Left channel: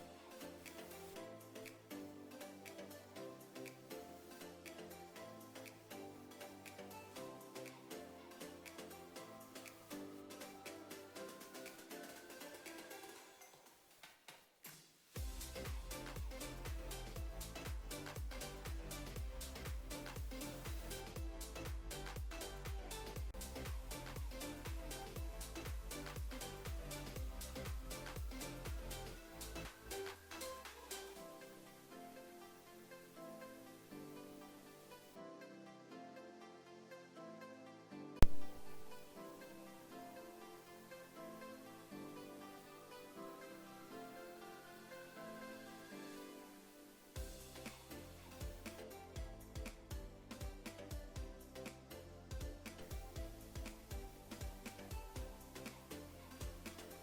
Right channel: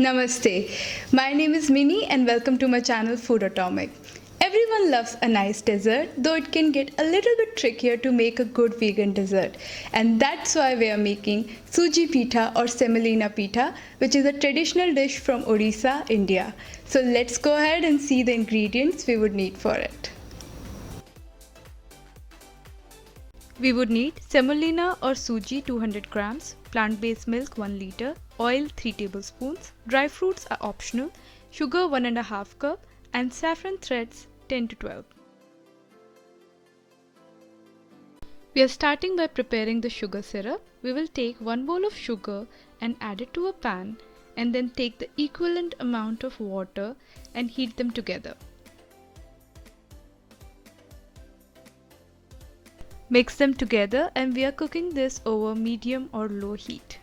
Namaste. My name is Minnie and welcome to my channel Foodotomic. Everyone loves a nice dessert, though it can get a little bit trickier to make a good vegan dessert. And that's why we are making Suji Pitha or semolina pitha, which is a traditional dish from Odisha, India. So let's go ahead and see the ingredients we would need for it. We would need semolina or suji 200 grams, plant-based milk 1 liter, oil 3 tablespoons, dry fruits are optional, sugar 1.5 cup and saffron threads 10 to 12. We are starting by preparing the sugar syrup. We will take 1 bowl of sugar and add it to a pan and then take the equivalent amount of water and heat them together. Mix them together and we are cooking this over medium or low heat.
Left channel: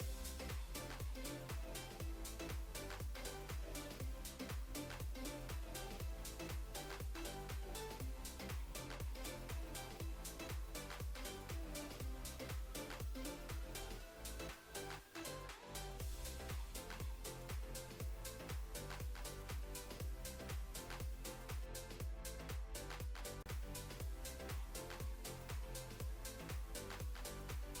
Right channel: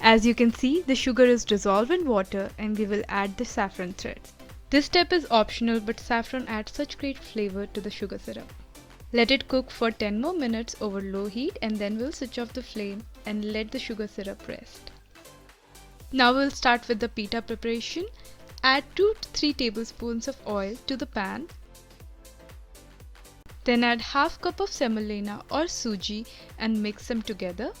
As you can see, the sugar is dissolved in water and we will add the saffron threads. This step is optional, but saffron adds such great flavor to the sugar syrup. Let it cook for 10 more minutes over low heat and then we'll switch off the flame and let the sugar syrup rest. Now we'll start with the pita preparation. Add 2 to 3 tablespoons of oil to the pan. Then add half cup of semolina or suji and mix them together.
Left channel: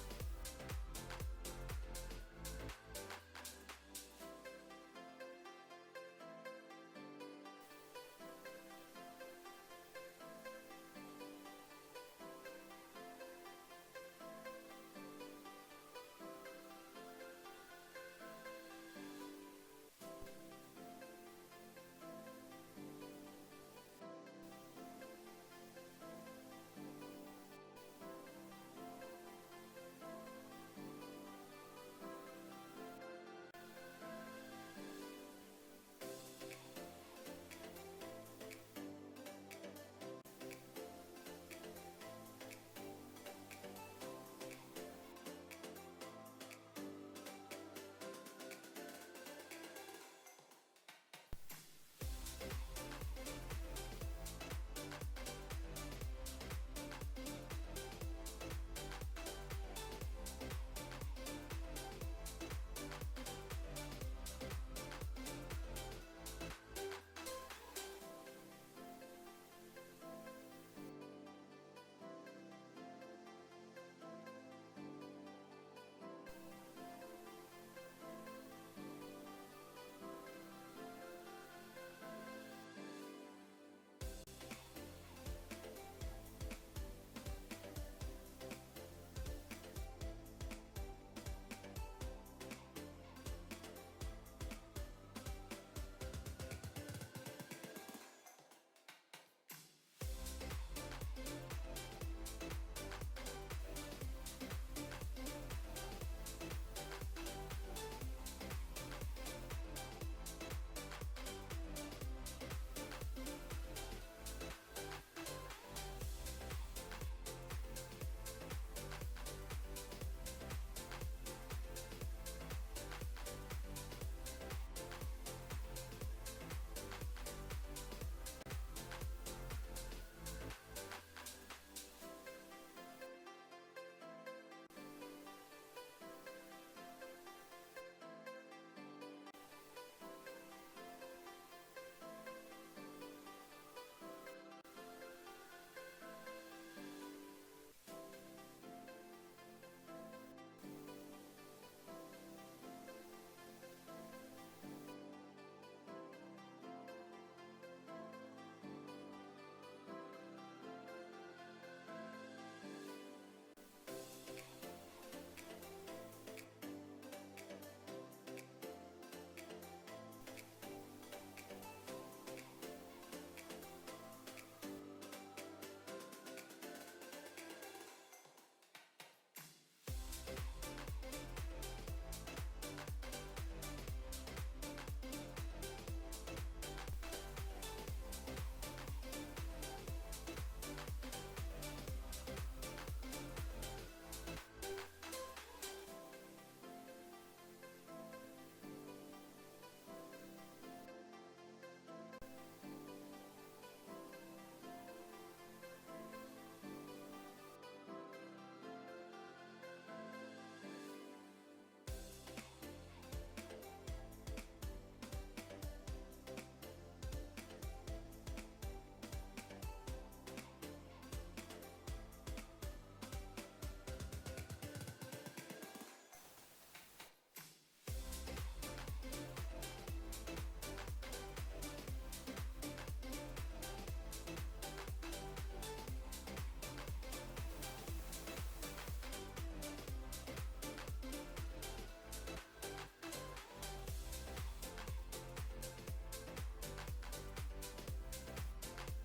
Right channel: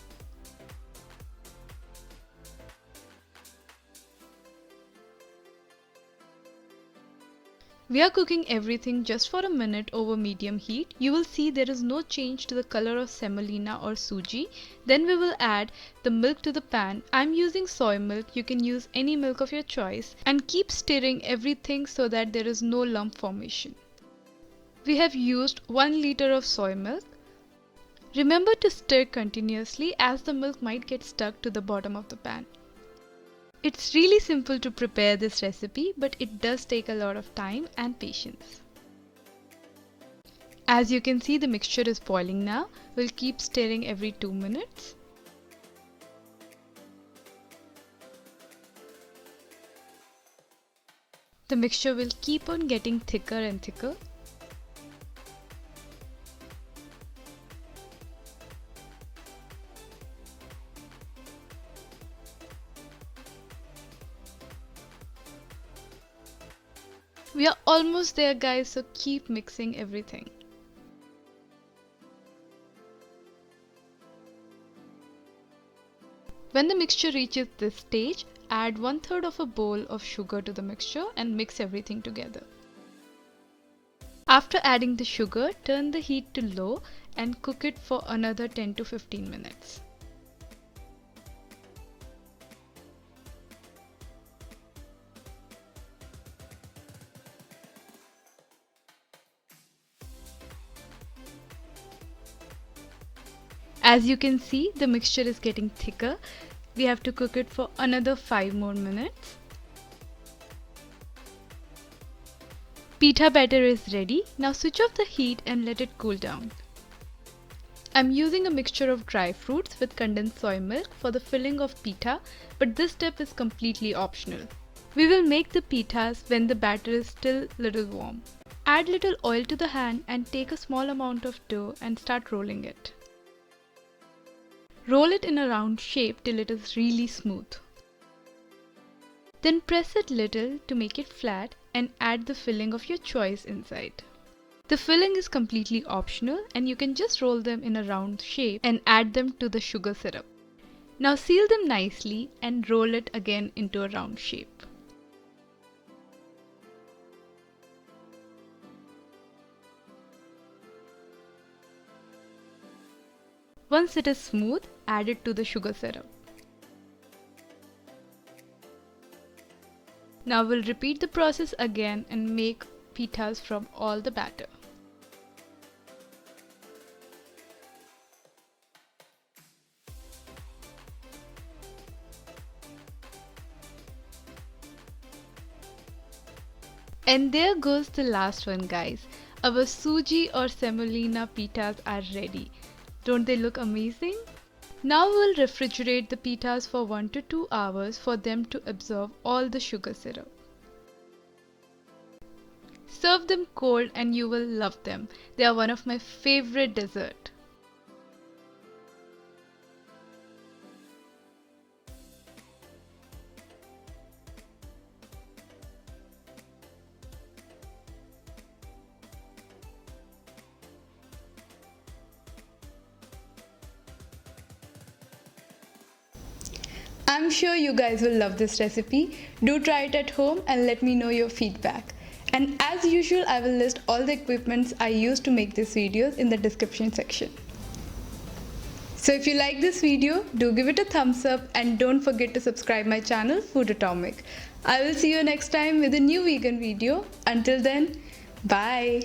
We are cooking everything just for a minute over medium heat. You will see there is no change to the color of semolina or suji. Then we will add the milk to the pan. I'm using soy milk, you can use any milk of your choice, and keep stirring everything so that there is no lump formation. We have used 1 liter of soy milk. Remember to stir continuously as the milk might get stuck to the bottom of the pan. It's really simple to prepare this recipe, but it does take a lot of time and patience. As you can see, the mixture is boiling now. We'll keep stirring every 2 minutes. The mixture will keep on getting thicker and thicker. We are almost there, guys, so keep mixing everything. When the mixture reaches this stage, add 1/3 of a bowl of sugar to the mixture and mix everything together. After adding the sugar, turn the heat to low and cook it for another 10 to 15 minutes. As you can see, the mixture is getting thicker. We have to cook it for another 5 more minutes. Pitha batter is ready. Now switch off the heat and let it cool down. I'm using a mixture of dry fruits with condensed soy milk for the filling of pitha, but this step is completely optional. We will make the pithas when the batter is still little warm. Add little oil to the hand and take a small amount of dough and start rolling it. Roll it in a round shape till it is really smooth. Then press it little to make it flat and add the filling of your choice inside. The filling is completely optional and you can just roll them in a round shape and add them to the sugar syrup. Now seal them nicely and roll it again into a round shape. Once it is smooth, add it to the sugar syrup. Now we'll repeat the process again and make pithas from all the batter. And there goes the last one, guys. Our suji or semolina pithas are ready. Don't they look amazing? Now we'll refrigerate the pithas for 1 to 2 hours for them to absorb all the sugar syrup. Serve them cold and you will love them. They are one of my favorite dessert. I'm sure you guys will love this recipe. Do try it at home and let me know your feedback. And as usual, I will list all the equipments I used to make these videos in the description section. So if you like this video, do give it a thumbs up and don't forget to subscribe my channel Foodotomic. I will see you next time with a new vegan video. Until then, bye.